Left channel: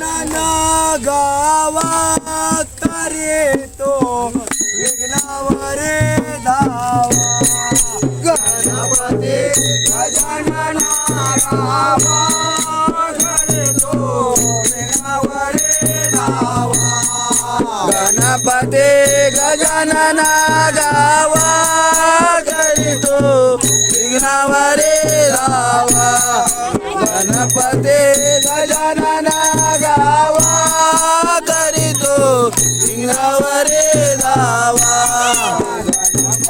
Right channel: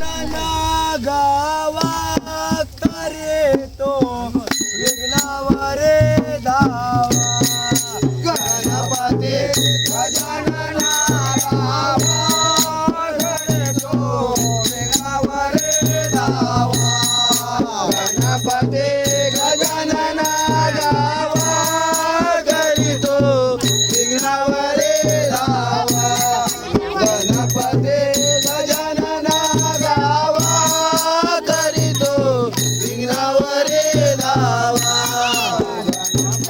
ना गावा करे तो. विघ्नावरे धावा. गणपती गजानना गावा. करे तो. विघ्नावरे धावा. गणपती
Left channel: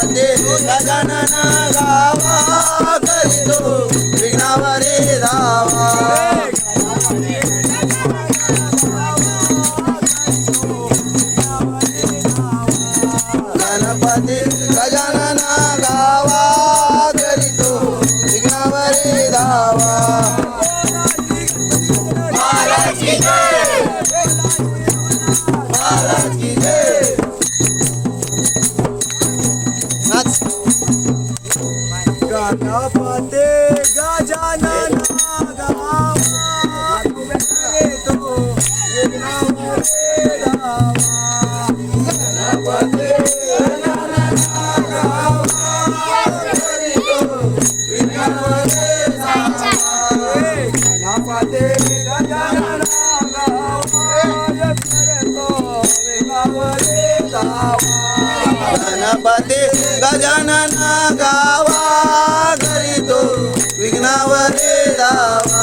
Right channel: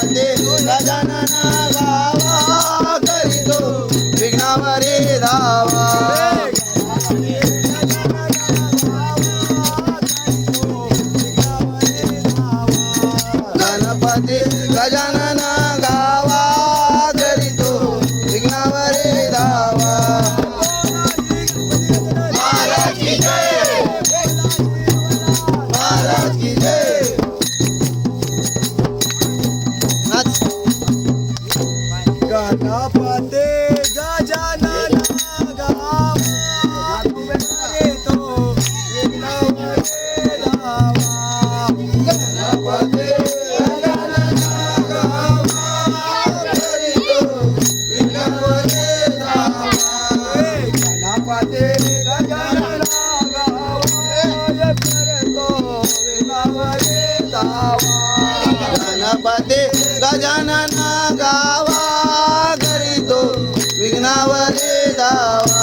पते भुज जनन गावा Yeah, yeah, yeah.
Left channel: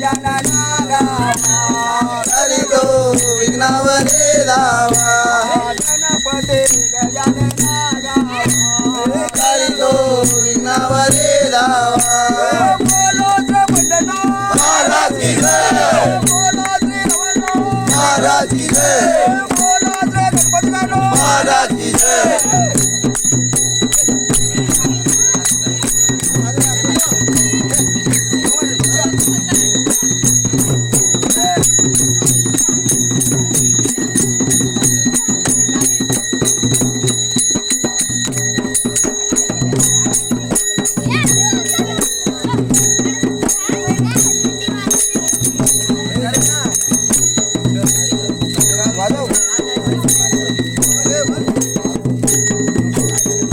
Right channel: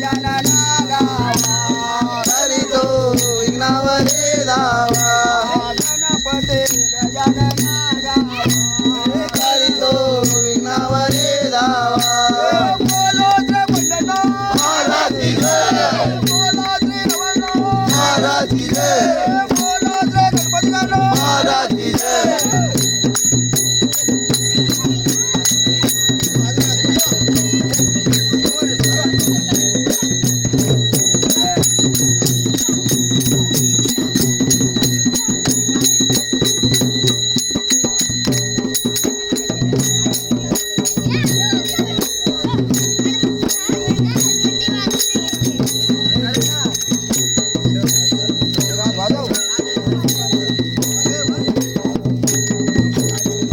la la Yeah.